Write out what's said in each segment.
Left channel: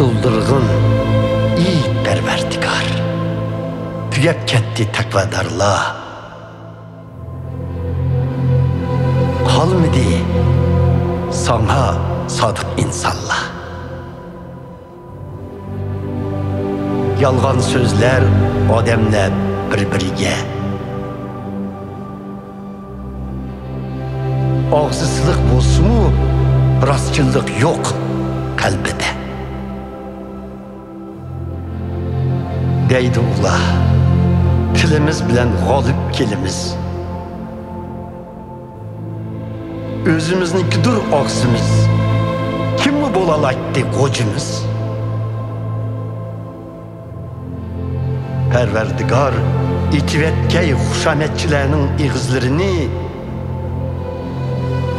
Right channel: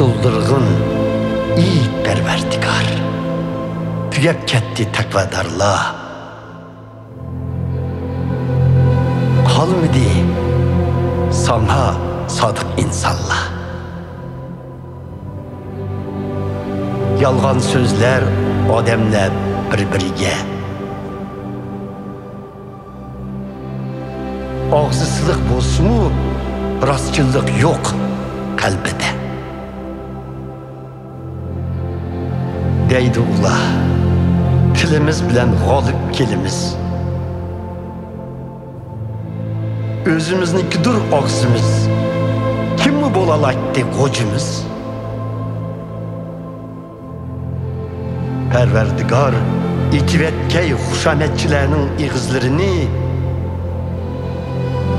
Tutuldurgun iyi perverdigar. Tügep ketti takvadarla. Kalmadı sana sadık insanla. Yalgan sözler adamla birbiriga. Ağzısılık bolsumu rastçılık yok kalbide. Deydi ula, tilimiz bilen galip kelimiz. Özümüznikidir ağzımız. Kim mi bolalaydı kocumuz? Perverdigar itivetkey huşametçilerinin ağızlarını,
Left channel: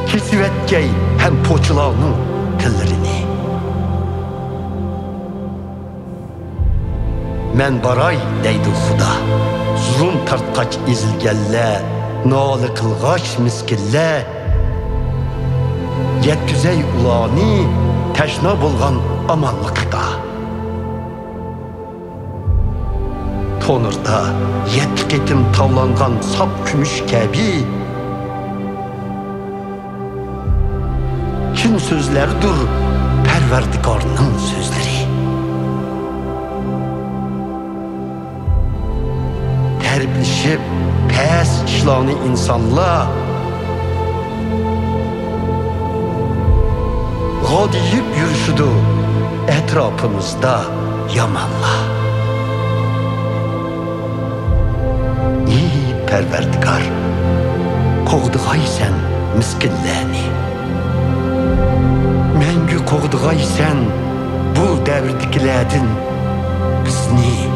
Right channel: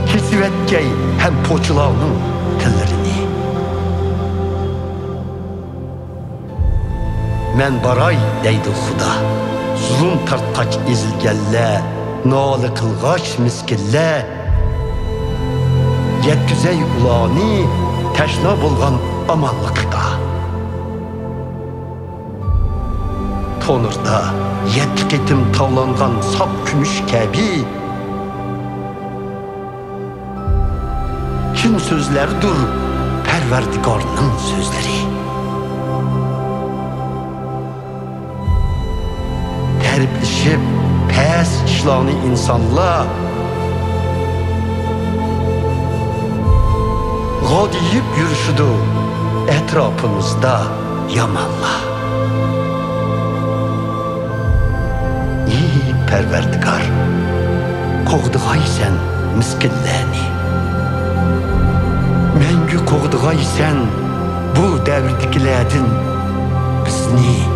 kesivetkey hem poçularının tillerini. Men baray deydi Xuda, zulüm tartkaç izilgelle, nalı kılgaç miskille, yetküzey ulani teşna bulgan amanlıkta. Tonurda yetkitim tavlangan sap kümüş kebi, kim sözleridir perverdigarının sözleri. Terbileşip pes işlanı insanla, gadiyip yürüşüdü etrafımızda yamanla. İyi perverdigar, kovduğay sen miskillerini. Mengü kovduğay sen bu devirdikilerden bizni.